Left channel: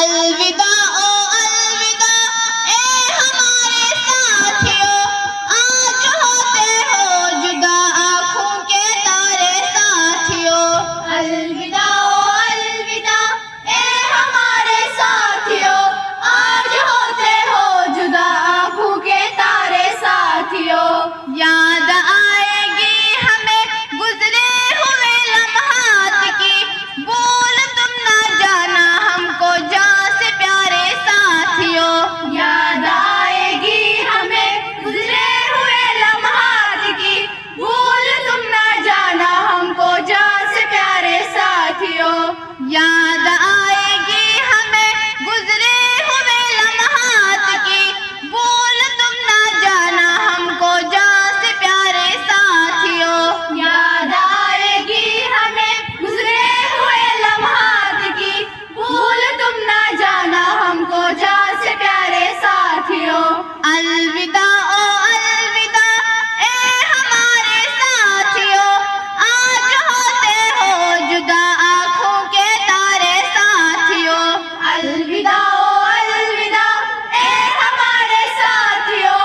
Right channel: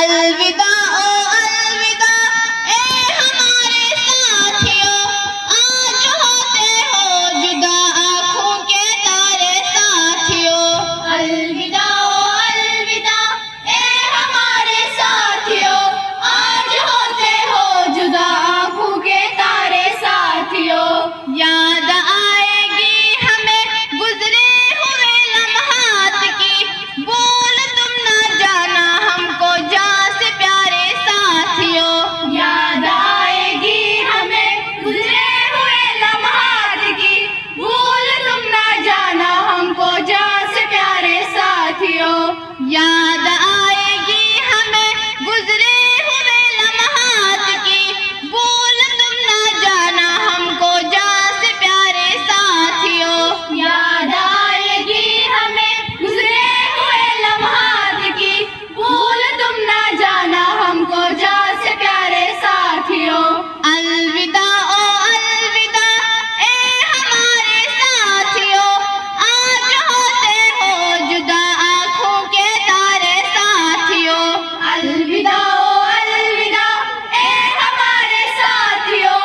अलविदा ओ अलविदा ए हमारे साथियों, आज होते हो जुदा आँखों के तारे साथियों। अलविदा ओ अलविदा ए हमारे साथियों, आज होते हो जुदा आँखों के तारे साथियों। याद आएगी हमें गुजरे हुए लम्हात की, बोल तुम ना जाना हमको जान से प्यारे साथियों। याद आएगी हमें गुजरे हुए लम्हात की, भूल तुम ना जाना हमको जान से प्यारे साथियों। याद आएगी हमें गुजरे हुए लम्हात की, भूल तुम ना जाना हमको जान से प्यारे साथियों। याद आएगी हमें गुजरे हुए लम्हात की, भूल तुम ना जाना हमको जान से प्यारे साथियों। अलविदा ओ अलविदा ए हमारे साथियों, आज होते हो जुदा आँखों के तारे साथियों। अलविदा ओ अलविदा ए हमारे साथियों,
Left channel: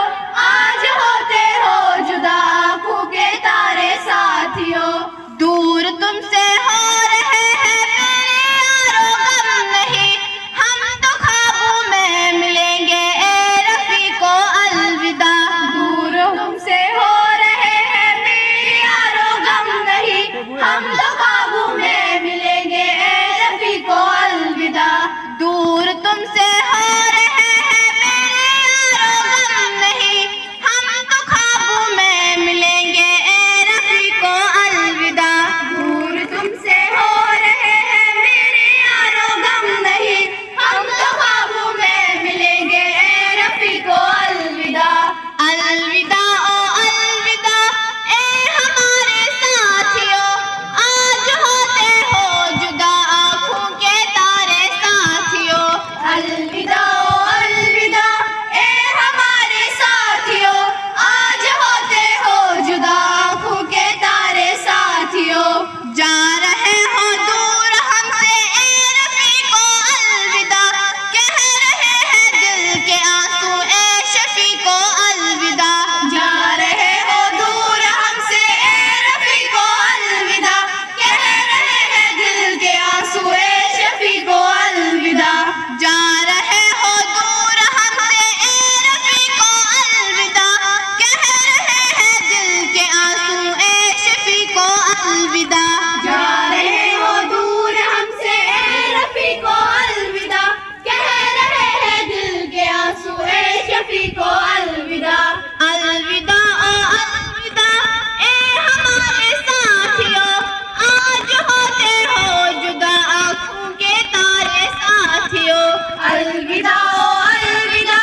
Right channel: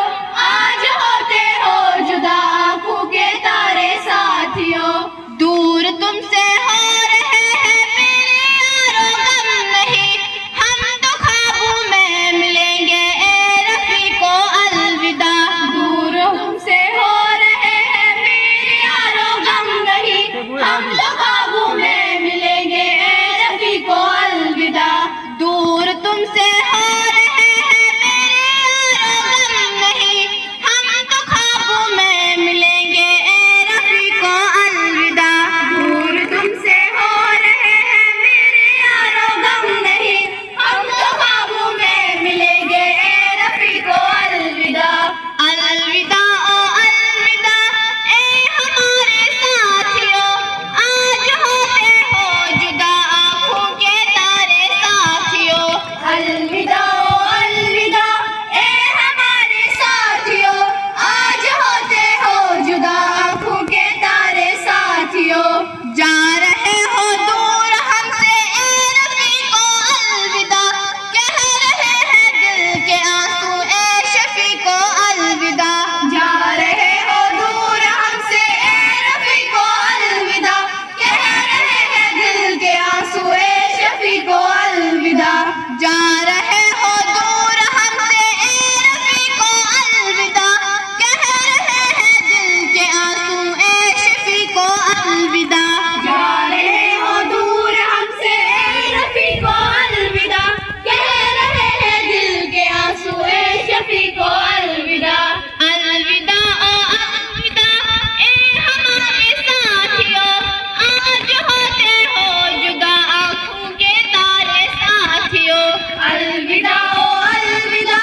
आज होते हो जुदा आँखों के तारे साथियों। दूर तुमसे हो रहे हैं मेरे यारो गम नहीं, हम तो ख्वाबों में मिलेंगे ए रफीको। अलविदा। दूर तुमसे हो रहे हैं मेरे यारो गम नहीं, हम तो ख्वाबों में मिलेंगे ए रफीको। अलविदा। दूर तुमसे हो रहे हैं मेरे यारो गम नहीं, हम तो ख्वाबों में मिलेंगे ए रफीको। अलविदा। दूर तुमसे हो रहे हैं मेरे यारो गम नहीं, हम तो ख्वाबों में मिलेंगे ए रफीको। अलविदा। अलविदा ओ अलविदा ए हमारे साथियों, आज होते हो जुदा आँखों के तारे साथियों। अलविदा ओ अलविदा ए हमारे साथियों, आज होते हो जुदा आँखों के तारे साथियों। जा रहे हो दूर हमसे ए रफीको। अलविदा। कह रहे हैं दिल के आंसू ए शफीको। अलविदा। जा रहे हो दूर हमसे ए रफीको। अलविदा। कह रहे हैं दिल के आंसू ए शफीको। अलविदा। जा रहे हो दूर हमसे ए रफीको। अलविदा। कह रहे हैं दिल के आंसू ए शफीको। अलविदा। जा रहे हो दूर हमसे ए रफीको। अलविदा। कह रहे हैं दिल के आंसू ए शफीको। अलविदा। अलविदा ओ अलविदा ए हमारे साथियों, आज होते हो जुदा आँखों के तारे साथियों। अलविदा ओ अलविदा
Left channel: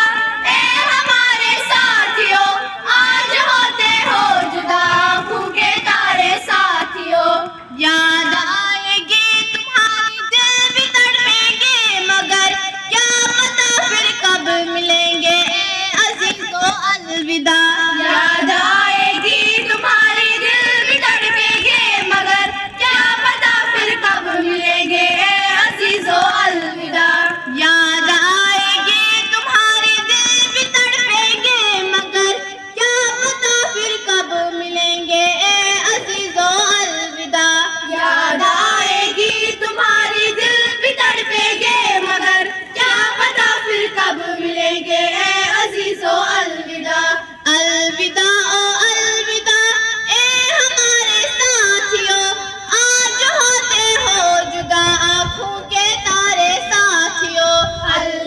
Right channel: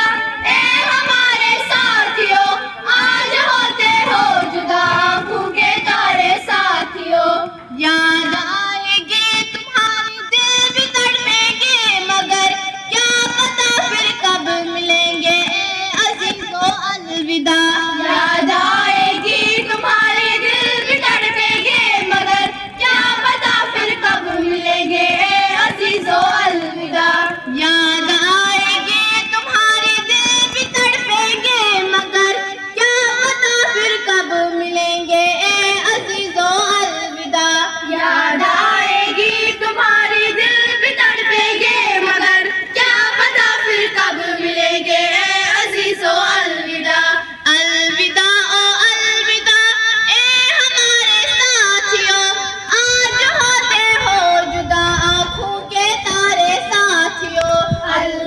ए हमारे साथियों, आज होते हो जुदा आँखों के तारे साथियों। याद आएगी तुम्हारी दिल भी तड़पेंगे, मगर क्या पता फिर कब मिलेंगे ए अज़ीज़ों। अलविदा। याद